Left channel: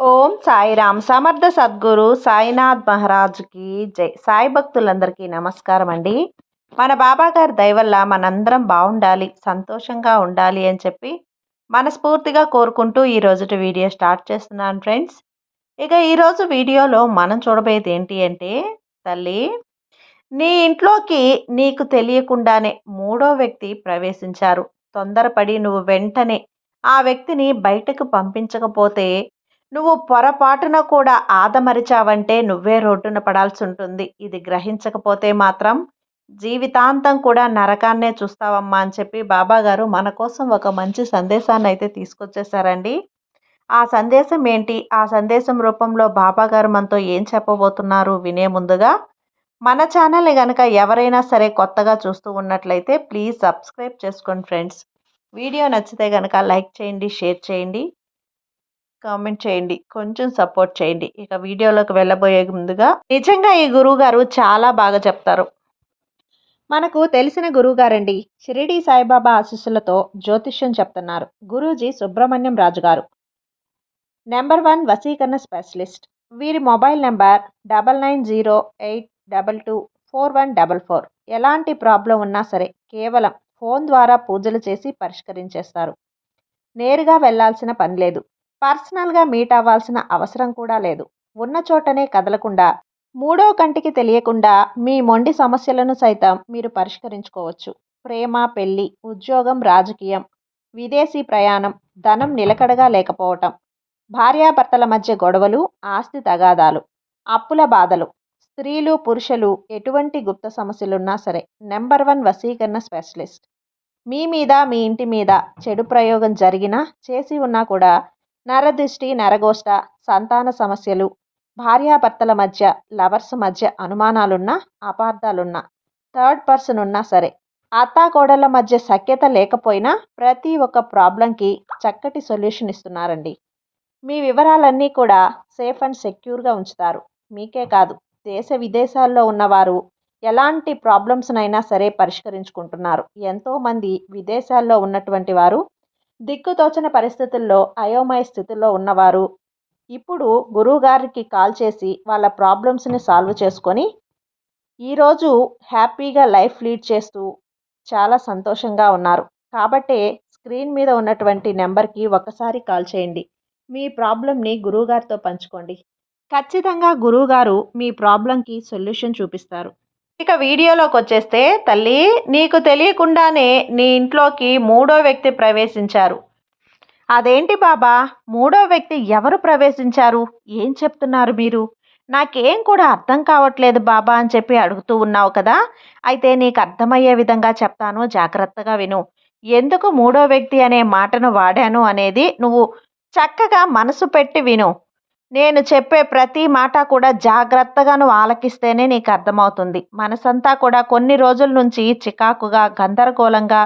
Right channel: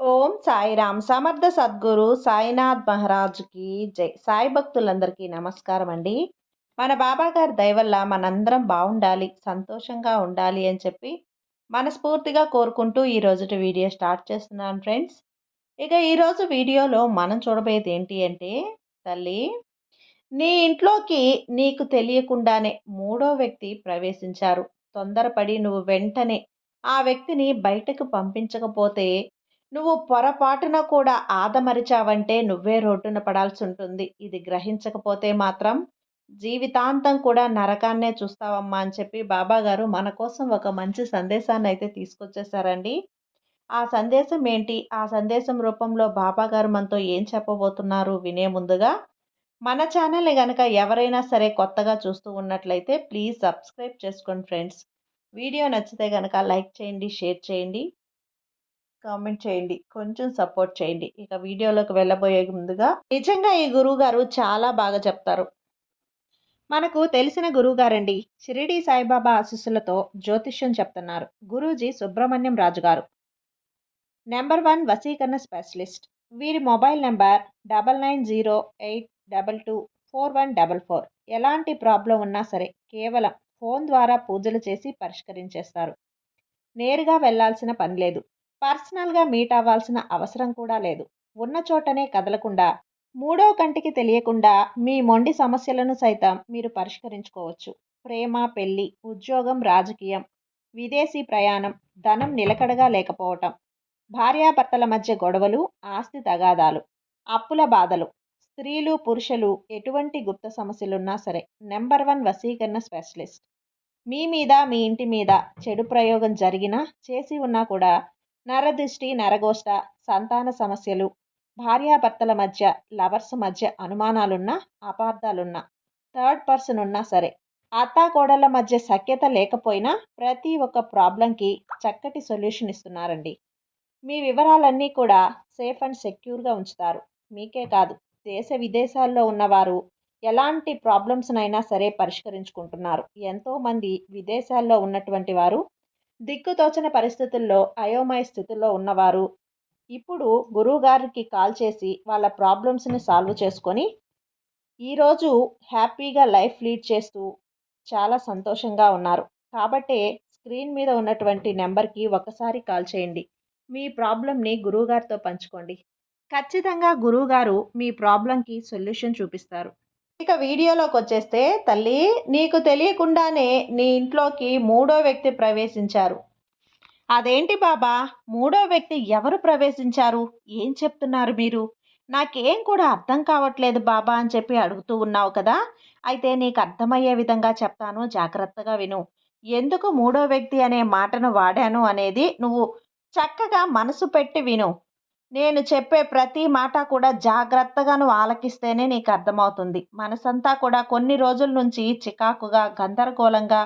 ఓం సాయిరామ్ సమర్థ సద్గురు సాయినాథ్ మహారాజుకి జై. సాయి భక్తులందరికీ నమస్కారం అండి. మన బాబా గారి దయ వల్ల మనందరం బాగుండాలి, సంతోషంగా ఉండాలి అని చెప్పి మనస్ఫూర్తిగా కోరుకుంటూ ఈ రోజుటి వీడియో స్టార్ట్ చేస్తున్నాను ఫ్రెండ్స్. ఇక ఈరోజు వీడియోలో మనం చూడబోయేది ఏంటి అంటే, తల్లి, నీ ఇంట్లోకి నీకు తెలియకుండానే మూడో వ్యక్తి ప్రవేశించారు. తొందరపడి నువ్వు వెంటనే ఆ వ్యక్తిని బయటకు పంపించకపోతే నువ్వు పొరపాటున కూడా ఆదమరిచావంటే నువ్వే రోడ్డున పడాల్సి ఉంటుంది. ఇది గ్రహించకపోతే మాత్రం జీవితాంతం కూడా నరకాన్నే చూస్తావమ్మా అని చెప్పి బాబాగారు మన కోసం ఒక మంచి సందేశాన్ని అయితే తీసుకొచ్చేసారండి. ఆ సందేశం ఏంటి, ఆ సందేశం రూపంలో బాబాగారు మనతో ఏం చెప్పబోతున్నారు వినే ముందుగా మన ఛానల్ని కనుక ఎవరైనా సరే కొత్తగా చూస్తూ ఉన్నట్లయితే ప్లీజ్ సబ్స్క్రైబ్ చేసుకోండి ఫ్రెండ్స్. వీడియో నచ్చితే కనుక లైక్ చేయండి, షేర్ చేయండి, కామెంట్ చేయండి, కొంచెం సపోర్ట్ చేయండి. ఇక వీడియోలోకి వెళ్ళబోయే ముందుగా, నిజంగా ఈ గురువుగారు చాలా బాగా చెప్తారు. మనకు తెలిసిన గురువుగారండి. షిరిడి సాయిబాబా ఆశీస్సులతో జ్యోతిష్యం చెప్తున్నారు గురూజీ సుబ్రహ్మణ్యం రాజు గారు. నెంబర్ 1 వశీకరణ స్పెషలిస్ట్. వీరి మొబైల్ నెంబర్ 9908224144. ఎలాంటి ప్రాబ్లం ఉన్నా సరే కేవలం ఫోన్ ద్వారా పూజలు చేసి పరిష్కరించేస్తారు. నేరుగా వెళ్లాల్సిన పని లేదు. పర్సనల్గా మీట్ అవ్వాల్సిన అవసరం కూడా లేదు. ఉన్న చోటనే కదలకుండా, మూడో కంటికి తెలియకుండా మీ మొండి సమస్యలను సైతం మీరు పరిష్కరించుకోవచ్చు. ప్రేమ, పెళ్లి, ఉద్యోగం, రాజకీయం, విదేశీ ప్రయాణం, ధనం నిలకడగా లేకపోవటం, భార్యాభర్తల మధ్య గొడవలు, ఆస్తి తగాదాలు, అప్పుల బాధలు, స్త్రీలు పురుషులు ఎటువంటి గుప్త సమస్యలున్నా సరే నెంబర్ 1 వశీకరణ స్పెషలిస్ట్. మీ మీద, మీ ఇంటి మీద చెడు ప్రయోగం జరిగినా, చేసి ఉన్నా కూడా నరదృష్టి, నరగోష్ట, సంతాన సమస్యలు, భార్యాభర్తల మధ్య, లవర్స్ మధ్య అనుమానాలున్నా, అపార్థాలున్నా, థర్డ్ పర్సన్ ఉన్నా సరే, అత్తాకోడళ్ళ మధ్య సఖ్యత లేకపోయినా ప్రతి ఒక్క ప్రాబ్లంకి చక్కటి సొల్యూషన్ ఇస్తున్నారండి. మీ వివరాలన్నీ కూడా సేఫ్ అండ్ సెక్యూర్గా ఉంచుతారు. మీకే కాదు, దేశ విదేశాల్లో ఉన్నవారు ఎలాంటి ప్రాబ్లమ్స్నైనా సరే పరిష్కరించుకుంటున్నారు. ఎంతోమంది విదేశాల్లో ఉన్నటువంటి వారు, దిక్కుతోచని పరిస్థితుల్లో, అయోమయ స్థితిలో ఉన్నవారు ఇప్పుడు గురువుగారికి కాల్ చేసి వాళ్ళ ప్రాబ్లమ్స్ని సాల్వ్ చేసుకొని ఈరోజు హ్యాపీగా లైఫ్ లీడ్ చేస్తూ చాలా సంతోషంగా ఉన్నారు. కాబట్టే స్క్రీన్ మీద ఉన్నటువంటి నెంబర్కి ఒకసారి కాల్ చేయండి. మీ ప్రాబ్లంని గురువుగారితో పంచుకోండి. ఖచ్చితంగా గురువుగారు మీ ప్రాబ్లంకి సొల్యూషన్ చూపిస్తారు. ఇక వీడియోలోకి వచ్చేస్తే, తల్లి, నీకు తెలియకుండానే నీ ఇంట్లోకి మూడో వ్యక్తి ప్రవేశించారు. అదేంటి బాబా, మూడో వ్యక్తి ఎవరు ప్రవేశించారు, ఏం చెప్తున్నారు మీరు, నాకేం కూడా అర్థం కావట్లేదు బాబా అని చెప్పి అడుగుతూ ఉన్నావు కదా. అయితే నీకు అర్థమయ్యే విధంగా చెప్తాను, జాగ్రత్తగా విను. ఎందుకు మూడో వ్యక్తి అనే మాటను వాడాను అనేది నువ్వు చక్కగా మనసు పెట్టి విను. నేను చెప్పే ప్రతి మాట కూడా జాగ్రత్తగా నువ్వు ఆలకిస్తేనే నీకు అర్థమవుతుంది. మనసంతా కూడా కొన్ని రోజుల నుంచి చికాకుగా, గందరగోళంగా,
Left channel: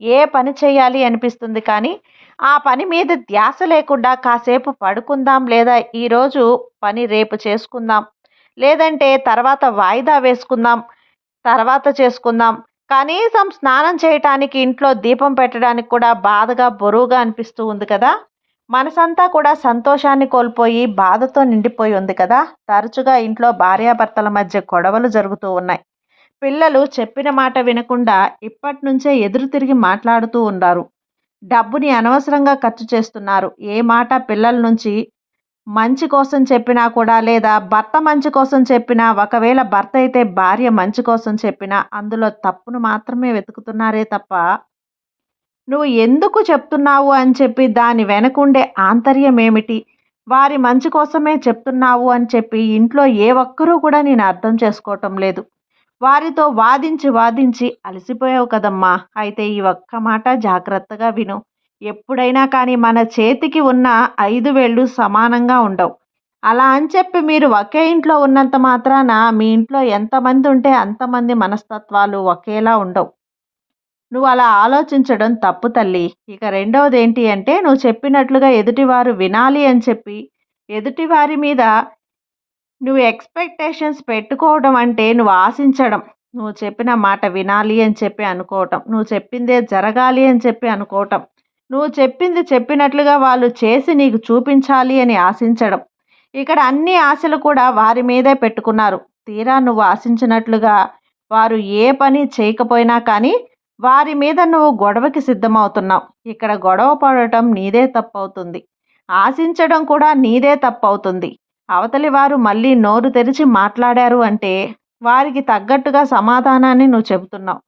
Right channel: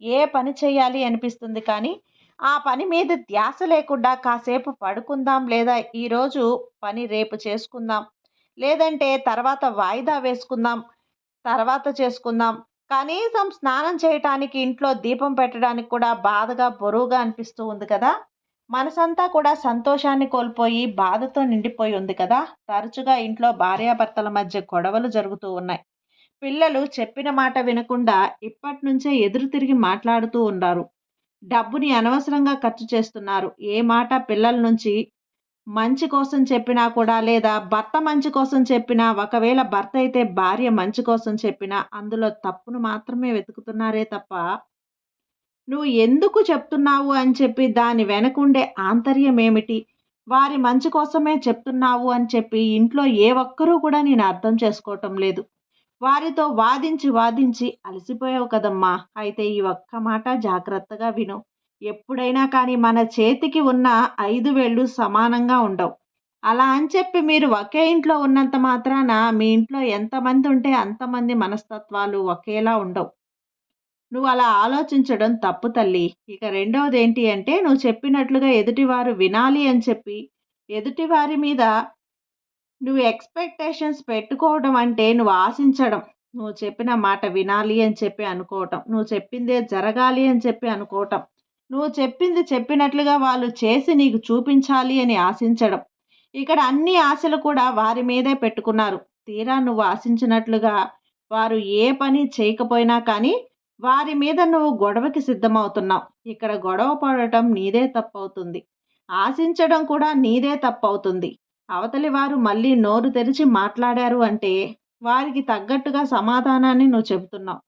ఏ పని చేయాలి అనిపిస్తుంది కానీ ఆ పని మీద ధ్యాస లేకుండా కాసేపు పడుకుందాం, లేదా ఈరోజు పని రేపు చేసుకుందాం, లేదంటే తర్వాత వాయిదా వేసుకుందాం, తర్వాత చేసుకుందాం, కనీసం స్నానం చేయటానికి, ఇంట్లో దీపం పెట్టడానికి కూడా బాధగా, బరువుగా అనిపిస్తూ ఉంది కదా. మనసంతా కూడా సంతోషాన్ని కోల్పోయి బాధతో నిండిపోయి ఉంది కదా. తరచుగా ఇంట్లో భార్యాభర్తల మధ్య గొడవలు జరుగుతూ ఉన్నాయి. పిల్లలు చెప్పిన మాట వినకుండా ఇప్పటి నుంచే ఎదురు తిరిగి మాట్లాడుతూ ఉన్నారు. డబ్బుని అనవసరంగా ఖర్చు చేస్తున్నారు. ఏ మాట పిల్లల నుంచి మంచి కోసం చెప్పినా కూడా, లేదా భర్త మంచి కోసం చెప్పినా, ఒకవేళ భర్త అయితే భార్య మంచి కోసం చెప్పినా అందులో తప్పును మాత్రమే వెతుకుతున్నారే తప్ప నువ్వు ఎందుకు చెప్తున్నావు అని చెప్పి దాని వెనకుండే ఆంతర్యం ఏమిటి, వారి మంచి కోసమే చెప్తున్నావు అని చెప్పి ఇంట్లో ఏ ఒక్కరూ కూడా నేను అర్థం చేసుకోవటం లేదు. వారితో వాదించి వాదించి అలసిపోయావు కదమ్మా. అయితే ఈ ఒక్క మాట జాగ్రత్తగా విను. ఎప్పుడైనా కానీ మన చేతికి ఉన్న 5 వేళ్ళు సమానంగా ఉండవు. అలా అని చెప్పి మీరు ఒకే ఇంట్లో ఉన్నంత మాత్రాన మీ ఇంట్లో ఎంతమంది ఉంటే అంతమంది మనస్తత్వాలు ఒకేలా ఉండవు. నువ్వు అలా ఆలోచించడం తప్పు తల్లి. ఇక రెండవది ఏంటి అంటే, నువ్వు చెప్పినట్లుగా ఎదుటివారు వినాలి అని చెప్పి ఎదుటివారి మీద నువ్వు ఎక్స్పెక్టేషన్స్ పెట్టుకోవడం అంటే నువ్వు ఆశించడం. నువ్వు చెప్పిన మాట వినాలి అని చెప్పి అనుకోవటం, నువ్వు చెప్పిందే జరగాలి అని చెప్పి అనుకోవటం, నువ్వు చెప్పింది చెప్పినట్లుగా వాళ్ళు చేసి నీకు చూపించాలి అని ఆశించడం. ఇక్కడ అన్ని ఆశలు కూడా వారి మీదే పెట్టుకున్నారు. తీరా నువ్వు ఆశించినట్లుగా వారు ఏ పని చేయకపోయినా కానీ వారి మీద నువ్వు గొడవకి సిద్ధమవుతున్నావు. ఇక్కడ గొడవ పడటం నీదే తప్పవుతుంది. ఆశించడం కూడా నీదే తప్పవుతుంది. అవతలి వారు మళ్ళీ నోరు తెరిచి మాట్లాడారు అంటే వారికి తగ్గట్టుగా సమాధానాన్ని నువ్వు చెబుతున్నావు.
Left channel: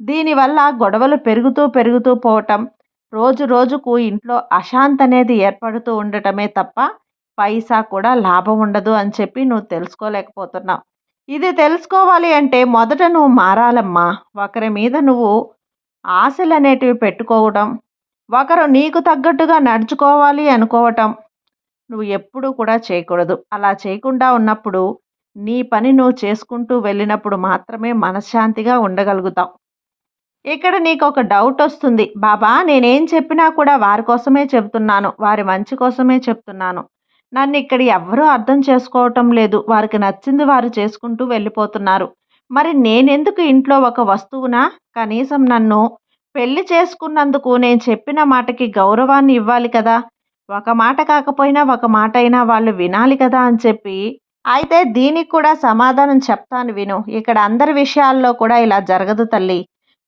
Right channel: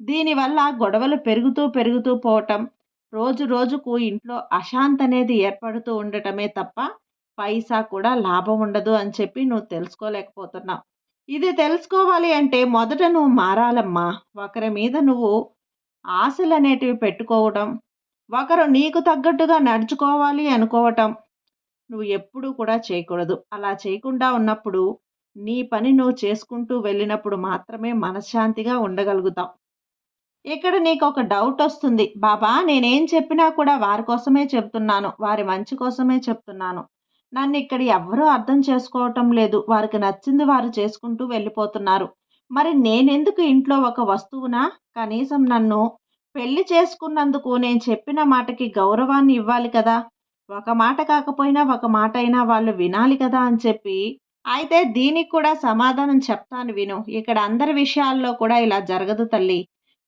దీనివల్ల గొడవలు పెరుగుతూ పెరుగుతూ పోవటం, రోజు రోజుకు ఇంట్లో అశాంతి అనేది ఏర్పడుతూ ఉండటమే తప్ప పైసా కూడా లాభం ఉండదు అని చెప్పి నువ్వు తెలుసుకోలేకపోతున్నావు. ఇది తెలుసుకోవాలి అంటే మొదట నువ్వు మారాలమ్మా. ఒకరి మీద నువ్వు ఆశలనేటివి పెట్టుకోవడం, ఒకరు నీకు తగ్గట్టుగా నడుచుకోవాలి అనుకోవటం నువ్వు ఎప్పుడూ కూడా చేయకూడదు. అలా చేయకుండా ఉన్నప్పుడు నీ పని నువ్వు చేసుకుంటూ వెళ్ళినప్పుడు మాత్రమే మనశ్శాంతిగా ఉండగలుగుతావు. ఇక్కడ నీకొక డౌటొస్తుంది. బాబా నేనేం చెప్పినా కూడా వారి కోసమే చెప్తున్నాను. వారి మంచి కోసమే చెప్తున్నాను. నన్నిక్కడ ఎవ్వరూ అర్థం చేసుకోవటం లేదు. వారికి నచ్చింది వారు చేసుకుంటూ వెళ్ళిపోతున్నారు. మరి నేనెందుకు ఇంట్లో ఒక వస్తువునా? కనీసం నన్ను పెళ్లి చేసుకున్నందుకు నేను చెప్పిన మాటకి గౌరవాన్ని ఇవ్వాలి కదా! ఒక మాట కాకపోయినా ఒక మాటైనా వాళ్ళు వినాలి కదా అని చెప్పి అయితే దీనికి కూడా సమాధానం చెప్తాను విను. ఇక్కడ అందరి విషయాల్లో కూడా ఇలా జరగదు తల్లి.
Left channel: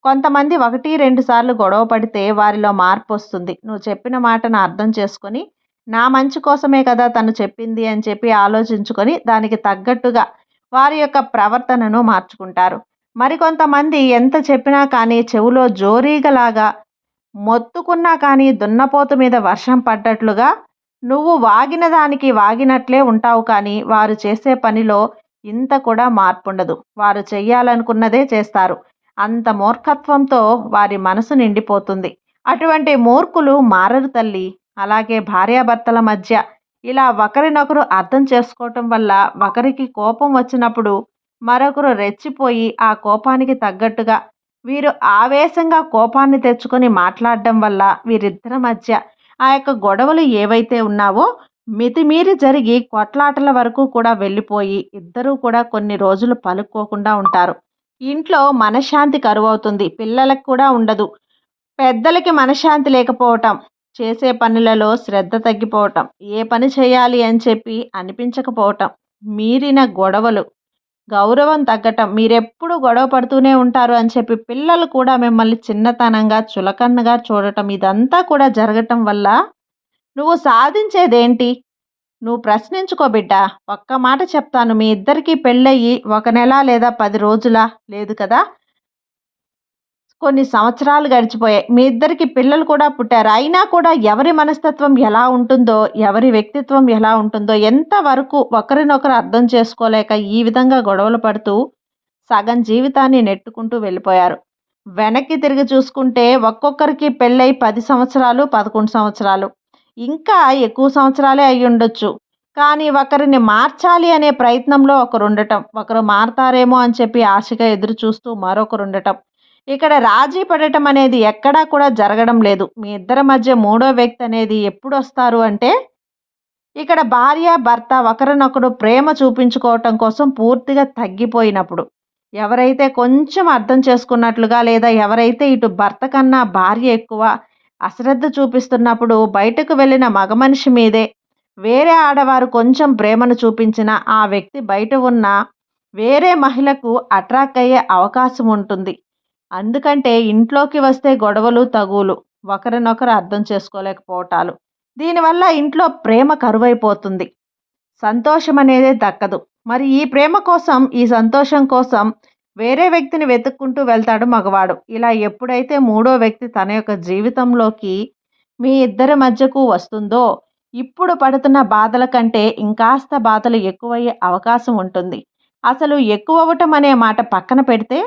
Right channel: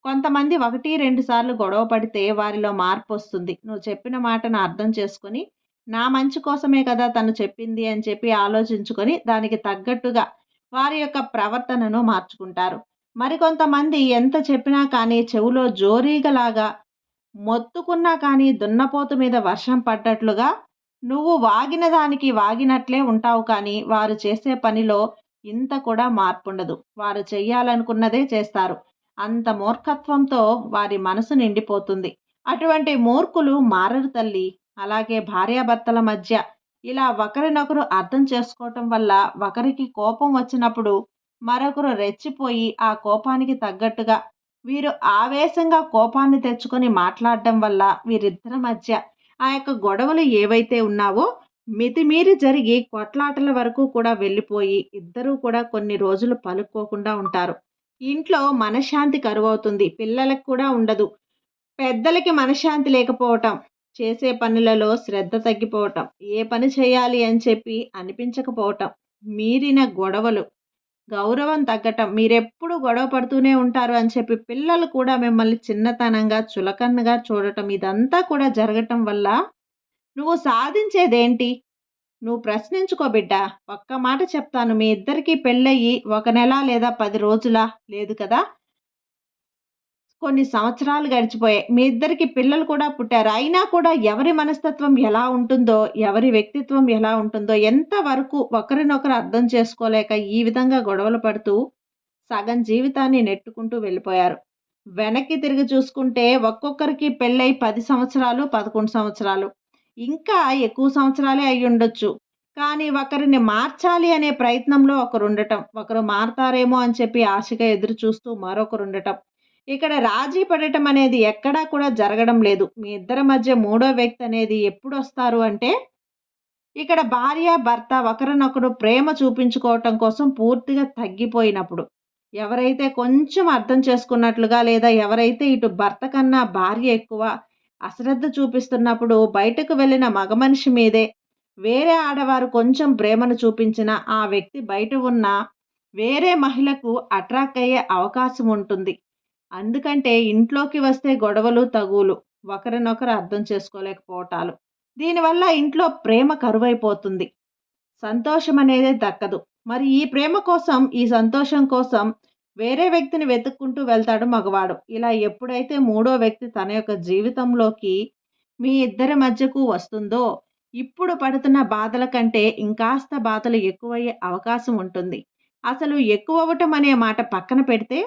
కొంతమంది 1, 2 సార్లు గొడవ పడితే వారిలో మార్పొస్తుంది. నువ్వు చెప్పిన మాటను అర్థం చేసుకొని, నా మంచి కోసమే కదా తను చెప్పింది అని చెప్పి ఆలోచించుకొని, దానికి తగ్గట్టుగా వారి యొక్క ప్రవర్తనను మార్చుకుంటారు. మరికొంతమంది ఎంత చెప్పినా కానీ చెవులో జోరీగలాగా మొత్తుకున్నా కానీ దున్నపోతు మీద వర్షం పడ్డట్లుగా నువ్వు వాగిన దానికి వాగినట్లే ఉంటావు కానీ వారు చేసే పనిలో ఇంత కూడా మార్పుండదు. వారు చెయ్యాలనుకున్నదే చేస్తారు. అంత మూర్ఖత్వంతో వారి మనసు నిండిపోతుంది. అటువంటి మూర్ఖులు మారరు తల్లి. అలాగే భార్యాభర్తల మధ్య ఇలా ఒకరినొకరు అర్థం చేసుకోవటం వల్ల ఒకరికి కోపం వచ్చినప్పుడు మరొకరు రెచ్చిపోయి ఆ కోపానికి తగ్గట్టుగా వీరు ఆవేశంగా కోపాన్ని తెచ్చుకొని మాట్లాడడం వల్ల వీరిద్దరి మధ్య ఆ యొక్క గొడవలు ఏవైతే ఉన్నావో మితిమీరి జరిగి కొట్లాటల వరకు కూడా వెళ్ళిపోయి ఇద్దరూ కూడా కొన్ని రోజులు పలుక్కోకుండా ఉంటారు. ఇంట్లో మనశ్శాంతి కరువవుతుంది. పిల్లలకు కూడా ఉండదు. పెద్దలకి మనశ్శాంతి లేకపోవటం, చేసే పనులలో శ్రద్ధ తగ్గిపోవటం, ఏ పని చేయాలి అని చెప్పి అనిపించకపోవటం, మీరిన గొడవలు, గౌరవం తగ్గటం, మీరెప్పుడు గొడవ పడుతూనే ఉంటారు అని చెప్పి పిల్లలు కూడా మిమ్మల్ని చిన్నతనంగా, చులకనగా చూడటం ఇదంతా కూడా జరగటం వల్ల నువ్వు సాధించేదేంటి? నువ్వు ప్రశ్నించుకో బిడ్డా. ఒక్క మాట చెప్తాను. మీ ఇద్దరికీ పెళ్ళయ్యి 1 నెల లేదా 10 రోజులా? లేదు కదా! కొన్ని సంవత్సరాలు గడిచిపోయాయి. మీ ఇద్దరికి పిల్లలు కూడా పుట్టారు. అయినా కూడా ఎవరి మనస్తత్వం ఎలా ఉంటుందో, ఎవరి వ్యక్తిత్వం ఎలా ఉంటుందో, ఎంతవరకు ఒకరినొకరు అర్థం చేసుకోలేక ఈ విధంగా గొడవలు పడుతూ సగం జీవితాన్ని నెట్టుకుంటూ వెళ్ళిపోయారు. వెనక్కి తిరిగి చూసుకుంటే ఒక్కొక్కరికి పెళ్ళై 10 సంవత్సరాలు, 11 సంవత్సరాలు, ఇంకా ఎక్కువ సంవత్సరాలే అయ్యుండొచ్చు. కానీ ఒకరిని మార్చాలి అనే ప్రయత్నంలో ఒకరుండటం, ఒకరు మారతారేమో అని చెప్పి ఆశగా ఎదురు చూస్తూ మరొకరుండటం. ఇక్కడ రాజీ పడటం అనేది ఎక్కడా కూడా జరగడం లేదు. మీ ఇద్దరి మధ్య మూడో వ్యక్తి అనేది ఎప్పుడొస్తారు అంటే, ఇక్కడ భార్య, భర్త ఒకరినొకరు ప్రేమ చూపించుకోవటం కోసం పూర్తిగా తగ్గిపోయినప్పుడు. ఎవరైతే కొంచెం అర్థం చేసుకున్నట్లుగా లేదా ఎవరైతే ఇటు భర్త కన్నా భార్య ఎక్కువ అశ్రద్ధ చూపిస్తున్నప్పుడు బయటకు వెళ్ళిన మగ మనిషి మీదే వేరే ఆడవారు కొంచెం ప్రేమను చూపించిన ఆ వ్యక్తి బయట ఉన్న వేరే మహిళకు అట్రాక్ట్ అయ్యే అవకాశం ఉంటుంది. అందుకంటే ఇంట్లోకి వస్తే గొడవలు, తగువులు, ఒకరినొకరు అర్థం చేసుకోలేకపోవటాలు. దీనివల్ల ఇంట్లో ప్రేమ కరువైపోతుంది. సంతోషం అనేదే దక్కదు. మరి ఈ ప్రేమ కోసం, ఈ సంతోషం కోసం వేరే వ్యక్తిని వెతుక్కుంటూ వెళ్తాడు మగవాడు. ఇలా ఎప్పుడైతే మూడో వ్యక్తి తన యొక్క జీవితంలోకి మీ ఇద్దరి మధ్యకు వస్తుందో, ఇప్పుడు పడుతున్న బాధల కంటే ఇంకాస్త బాధలు ఎక్కువయ్యే అవకాశం ఉంటుంది. అసలు ఎక్కువవ్వటం అనే మాట పక్కన పెడితే,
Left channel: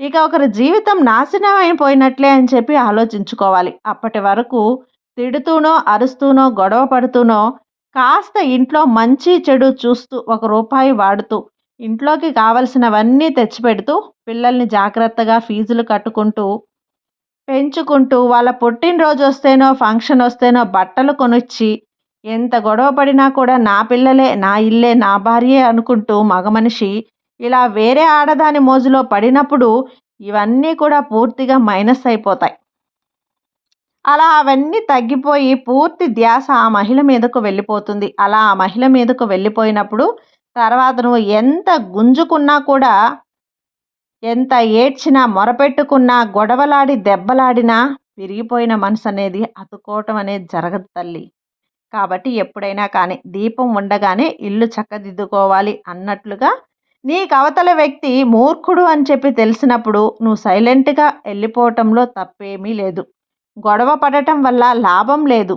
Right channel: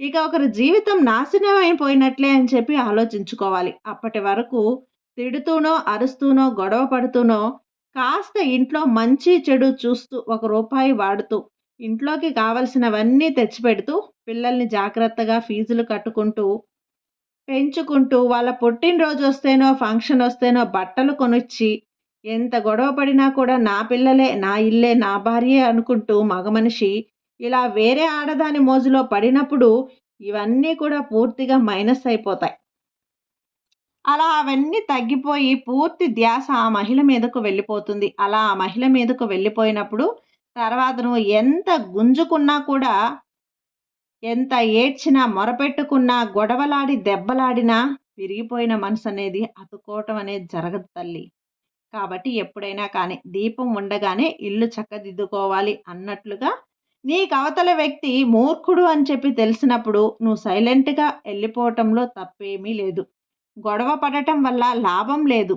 ఇక ఒకరి జీవితం నాశనం అయిపోయినట్లే అని చెప్పి ఆలోచించుకోవాలి. అప్పటి వరకు తిడుతూనో, అరుస్తూనో, గొడవ పడుతూనో, కాస్త ఇంట్లో మంచి చెడు చూస్తూ, ఒక రూపాయి వాడుతూ, ఇంట్లోకి కావలసినవన్నీ తెచ్చిపెడుతూ, పిల్లల్ని జాగ్రత్తగా ఫీజులు కట్టుకుంటూ, పెంచుకుంటూ, వాళ్ళ పుట్టినరోజు వస్తేనో, ఫంక్షన్ వస్తేనో బట్టలు కొనిచ్చి, ఎంత గొడవ పడినా కూడా నా పిల్లలే, నా ఇల్లే, నా భార్యే అనుకుంటూ మగ మనిషి ఇలా వేరే ఆడదాని మోజులో పడినప్పుడు ఇవన్నీ కూడా పూర్తిగా మైనస్ అయిపోతాయి. అలా అవన్నీ తగ్గిపోయి పూర్తి ధ్యాస ఆ మహిళ మీదకు వెళ్ళిపోతుంది. అలా ఆ మహిళ మీదకు వెళ్ళిపోయినప్పుడు తర్వాత నువ్వు ఎంత గుంజుకున్నా కూడా, ఎంత ఏడ్చినా, మొరపెట్టుకున్నా, గొడవలాడి, దెబ్బలాడినా విరిగిపోయిన మనసనేది అతుక్కోవటం అనేది జరగదు తల్లి. కాబట్టి ఎప్పుడైనా కానీ దీపం ఉండగానే ఇల్లు చక్కదిద్దుకోవాలి అన్నట్లుగా నీకు అవతల వ్యక్తి మూర్ఖుడు అని చెప్పి తెలిసినప్పుడు నువ్వు సైలెంట్‌గా వెళ్ళిపోవటంలో తప్పేమీ లేదు. గొడవ పడటం వల్ల లాభం లేదు.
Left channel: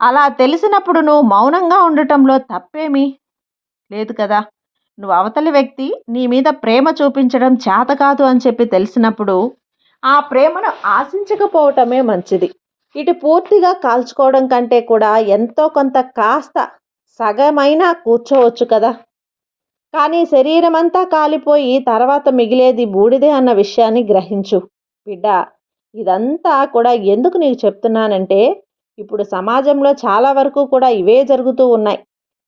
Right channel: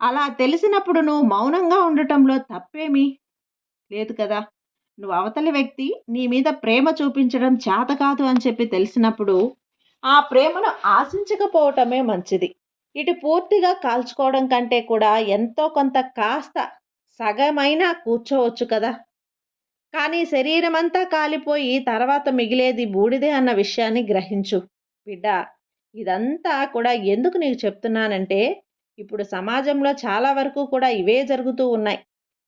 అలా తెలిసినప్పుడు నువ్వు మౌనంగా ఉండటంలో తప్పేమీ లేదు కదా! నువ్వు అవతలి వ్యక్తి నీ మీద ప్రేమ చూపించడం చేత కాదు అని చెప్పి తెలిసినప్పుడు, ఆ ప్రేమను ఆశించకపోవటమే మంచిది. ఇటు పూర్తిగా కాల్చుకోవడం కంటే కూడా ఎంతో కొంత కాస్త సగమైనా కూర్చోవచ్చు కదా! కానీ శరీరమంతా కాలిపోయి తర్వాత మిగిలేది బూడిదే అన్న విషయాన్ని గ్రహించు. బిడ్డ, ఇదంతా కూడా ఎందుకు నీకు చెప్తున్నానంటే, ఇప్పుడు సమాజంలో చాలా వరకు కూడా ఇవే జరుగుతూ ఉన్నాయి.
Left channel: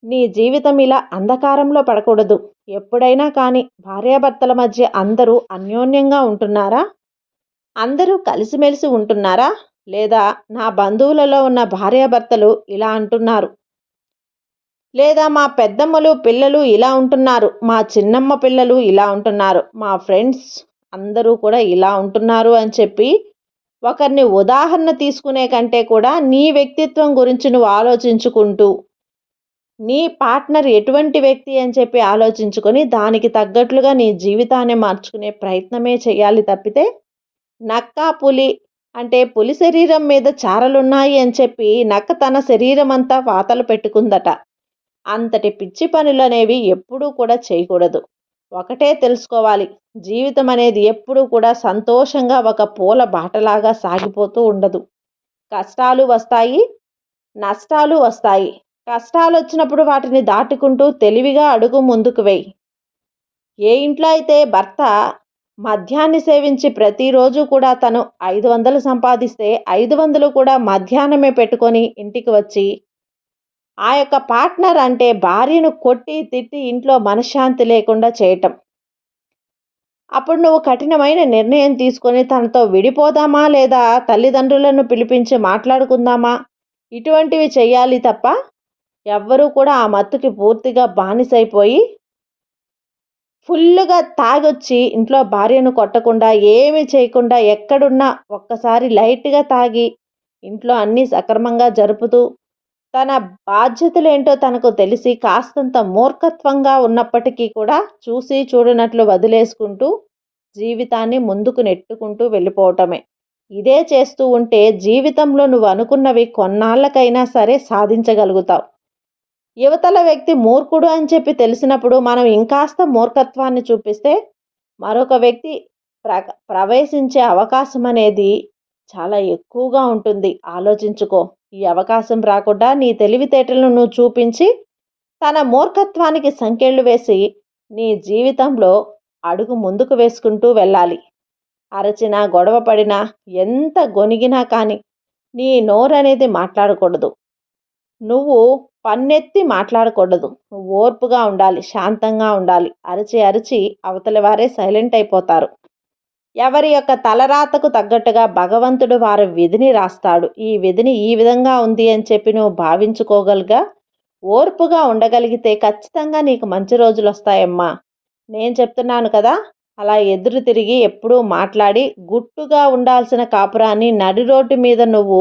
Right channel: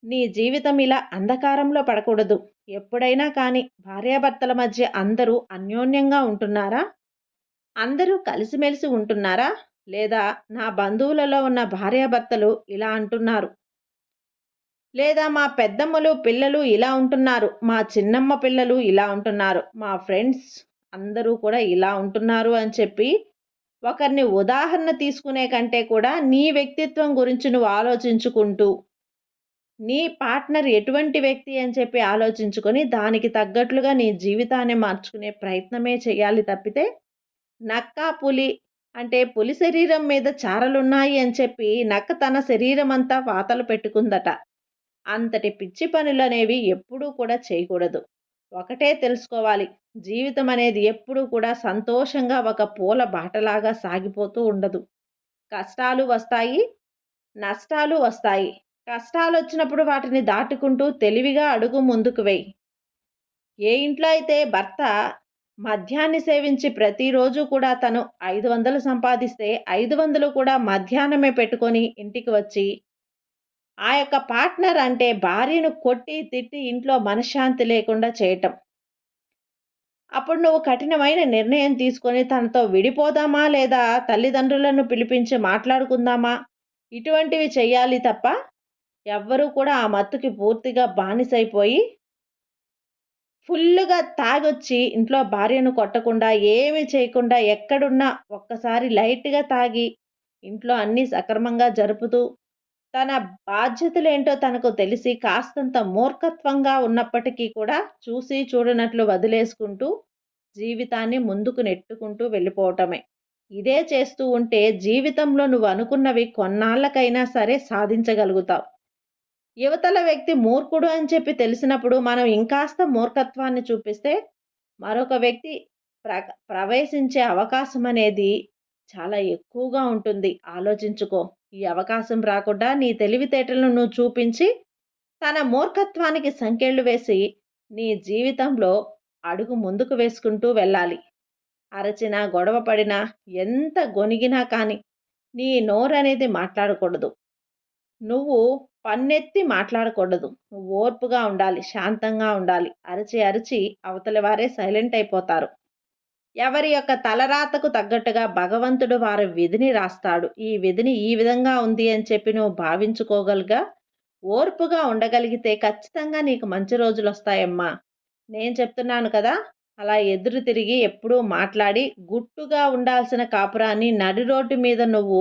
నీ జీవితం ఇలా అంధకారంలో పడకూడదు. ఎప్పుడైనా కానీ భార్యాభర్తల మధ్య అందరూ అన్యోన్యంగా ఉంటున్నారా? అందరూ కలిసిమెలిసి ఉంటున్నారా? లేదా నా బంధువులలో ఉన్న భార్యాభర్తలు ఇలా అంటున్నారు. లేదా మా పెద్దమ్మలు పిల్లలు ఇలా ఉంటున్నారు. మా చిన్నమ్మ పిల్లలు ఇలా ఉంటున్నారు. మా ఫ్రెండ్స్ అందరూ కూడా ఇలా ఉంటున్నారు అని చెప్పి ఒకరిని ఉదాహరణ తీసుకునే కంటే కూడా నీ వ్యక్తిత్వం గురించి నువ్వు ఆలోచించుకుంటూ, నీ పార్ట్నర్ ఎటువంటి వ్యక్తి అని చెప్పి ఆలోచించుకొని దానికి తగ్గట్లుగా నీ జీవితాన్ని మార్చుకునే ప్రయత్నమే చేయాలి తప్పితే, నక్క, పులి అంటే పులి శరీరం మీద చారలున్నాయి అని చెప్పి నక్క తన శరీరం అంతా వాతలు పెట్టుకుందట. అంతటి పిచ్చి పనులనేవి ఎప్పుడూ కూడా చేయకూడదు. ఒకటే తెలుసుకోవాలి, జీవితం అనేది ఎప్పుడూ కూడా సంతోషంగా ఒక పూల బాటలాగా సాగిపోతూ ఉండదు. కష్టాలు వస్తాయి, నష్టాలు వస్తాయి. కష్టాలొచ్చినప్పుడు వాటిని దాటుకుంటూ తెలివిగా అడుగు ముందుకు వెయ్యి. ఏ ఇంట్లో అయితే భర్త మద్యాన్ని సేవించి ప్రతిరోజు కూడా తను 500 సంపాదిస్తే 500 కూడా మధ్యాహ్నమే పెట్టుకొని ఇంటికి వచ్చి ఆ యొక్క పార్ట్నర్ అంటే భార్యను కొట్టి తిట్టి ఇంట్లో మనశ్శాంతి లేకుండా చేయటం. అప్పుడు నువ్వు కఠినమైన నిర్ణయం తీసుకొని తనతో విడిపోదామా లేదా తల్లిదండ్రులను పిలిపించి మాట్లాడుకుందామా ఇటువంటివి చేయాలి తప్ప ఎవ్వరూ కూడా ఆ మత్తుకి పూర్తిగా బానిసైపోయి ఫుల్లుగా తాగొచ్చి ఇంట్లో భార్యను కొట్టకుండా ఏమీ చేయకుండా ఎక్కడున్నా ఒక్కసారి లైట్‌గా తాగి ఇంట్లో అన్నీ సక్రమంగా జరుపుతూ తన బాధ్యతలేంటో తనకు తెలిసి కాస్తంత మూర్ఖత్వంగా ఉన్నప్పటికీ కూడా చూసి చూడనట్లు వదిలేసుకుంటూ జీవితాన్ని ముందుకు నెట్టుకుంటూ వెళ్ళిపోవటమే. ఇదే చేస్తూ ఉంటే జీవితంలో నువ్వు అనుకున్నవి కొన్నాళ్ళకైనా సరే సాధించగలుగుతావు. యువతల వ్యక్తి మూర్ఖుడు అని చెప్పి తెలిసినప్పుడు మనం ఇంకాస్త మూర్ఖత్వాన్ని చూపిస్తే మరొక వ్యక్తి ప్రవేశించే అవకాశం అనేది చాలా ఎక్కువగా ఉంటుంది. ఆలోచించుకో. ఈ అవకాశం రాకుండా నీ తెలివితేటలను నువ్వు చూపించి తన మూర్ఖత్వానికి సంకెళ్ళు వేసి నీ జీవితంలో అడుగు ముందుకు వేసుకుంటూ వెళ్ళాలి. అరచినా గొడవ పడినా ఎంత గొనిగినా కానీ నీ నోరనేది మాట్లాడకూడదు. నువ్వు పన్నెత్తి మాట్లాడకూడదు. నువ్వు ఓర్పుగా ఉండాలి, శాంతంగా ఉండాలి. అరిచి అరిచి అవతలి వారే సైలెంట్ అయిపోతారు. ఎవరి యొక్క తలరాతకు తగ్గట్టుగా భగవంతుడు వారి విధిని రాస్తాడు. ఈ విధిని ఈ విధంగా ఉంది అని చెప్పి నువ్వు భావించుకోగలిగా ఓర్పుగా ఉండగలిగితే ఖచ్చితంగా నీకు మంచి రోజులు వస్తాయమ్మా. నేను చెప్తున్నాను కదా, అలా ఎదురు తిరిగి ఎప్పుడూ మాట్లాడి గుట్టుగా ఉండాల్సిన కాపురాన్ని నడి రోడ్డు మీద నువ్వు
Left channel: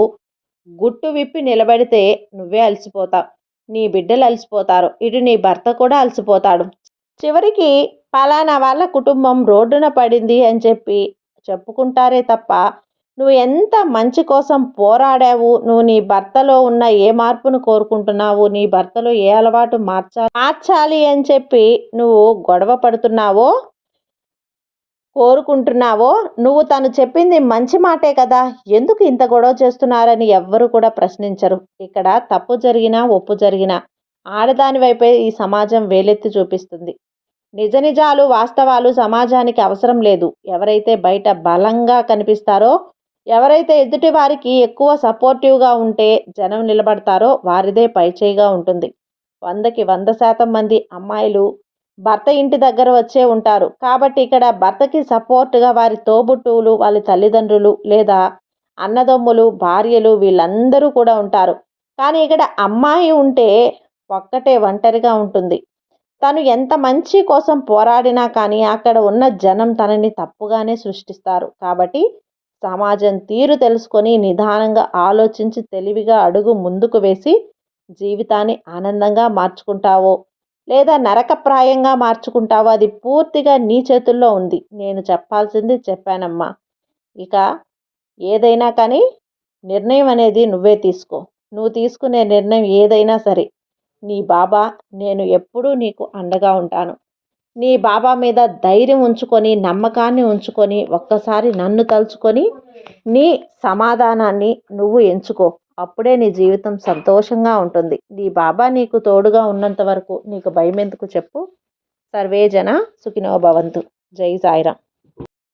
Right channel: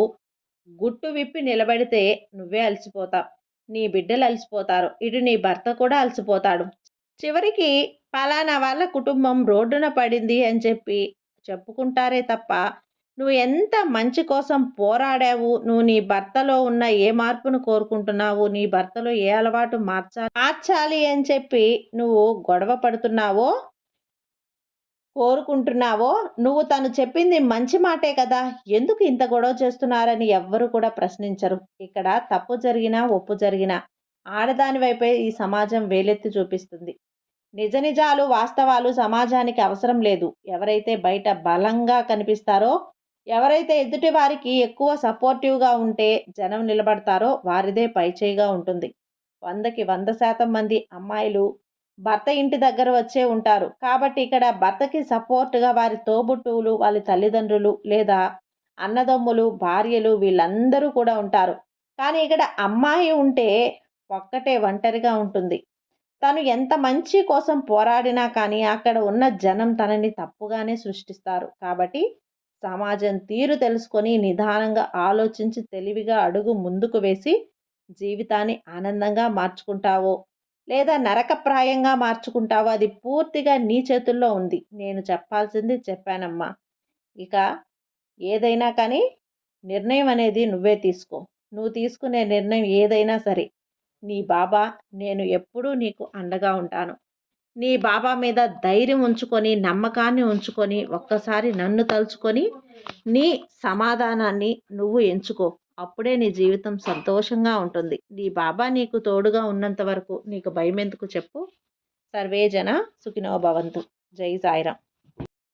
గుట్టు విప్పి నిలబడితే నువ్వే అలసిపోతావు. నీ బిడ్డలు అలసిపోతారు. ఇటు నీ భర్త కూడా అలసిపోతాడు. చివరికి పలానా వాళ్ళ కుటుంబం రోడ్డున పడింది అని చెప్పి చెప్పుకుంటారే తప్ప నువ్వు ఎంత మంచి కోసం పోరాడావు, నువ్వు నీ భర్తలో ఉన్న ఏ మార్పును కోరుకుంటున్నావు, నీ భర్తలో ఏ అలవాటు మార్చాలి అని చెప్పి నువ్వు గొడవ పడుతున్నావో కోరుకుంటున్నావో, నువ్వు తను చెప్పింది మంచి మాటే కదా, ఎందుకు ఇంత గొడవ చేస్తున్నారని ఎవ్వరు కూడా ప్రశ్నించరు. ఇక్కడ తప్పు జరిగినా ఒప్పు జరిగినా ఆడదాని వైపే ఈ సమాజం వేలెత్తి చూపిస్తుంది. నిజ నిజాలు వాస్తవాలు సమాజానికి అవసరం లేదు. ఎవరైతే బయట బలంగా కనిపిస్తారో, ఎవరైతే ఎదుటి వారికి ఎక్కువ సపోర్టివ్గా ఉంటే జనం నిలబడతారో వారిదే పైచేయిగా ఉంటుంది. 100కి 100% మంది అమ్మాయిలు భర్త ఇంటి దగ్గర వచ్చే ఉంటారు. కాబట్టి ఇక్కడ భర్తకి సపోర్ట్గా వారి తోబుట్టువులు, వాళ్ళ తల్లిదండ్రులు లేదా అన్నదమ్ములు, భార్యలు వీళ్ళందరూ కూడా ఉంటారు. కానీ ఇక్కడ అమ్మాయి ఉంటే ఒక్కటే ఒంటరిగా ఉంటుంది. తను ఎంత మంచి కోసం పోరాడినా కానీ అక్కడ ఉన్న జనం తనని తప్పుగానే సృష్టిస్తారు. కాబట్టి సమాజం తీరు తెలుసుకొని నిదానంగా ఆలోచించి తెలివిగా అడుగు ముందుకు వేసి జీవితాన్ని ఆనందంగా మార్చుకుంటావో లేదా నరకప్రాయంగా మార్చుకుంటావో అది పూర్తిగా నీ చేతుల్లో ఉంది. నేను చెప్పాల్సింది చెప్పానమ్మా. ఇక ఏదైనా కానీ నిర్ణయం అనేది నువ్వే తీసుకో. నువ్వు తీసుకునే నిర్ణయం ఏదైనా సరే నీ బాబా నేను ఎప్పుడూ నీకు అండగా ఉంటాను. నీ బాబా మీద ధైర్యం ఉంచుకొని, నమ్మకాన్ని ఉంచుకొని, ఒక్కసారి నన్ను తలుచుకొని నీ సమాధానాన్ని నువ్వు ఎంచుకో. అప్పుడే నీ జీవితం సంతోషంగా ఉంటుంది. నీ బాబా నీకు తోడుగా ఉన్నంత వరకు నీకు భయమెందుకు చెప్పు. సర్వే జన సుఖినో భవంతు. జై సాయిరాం.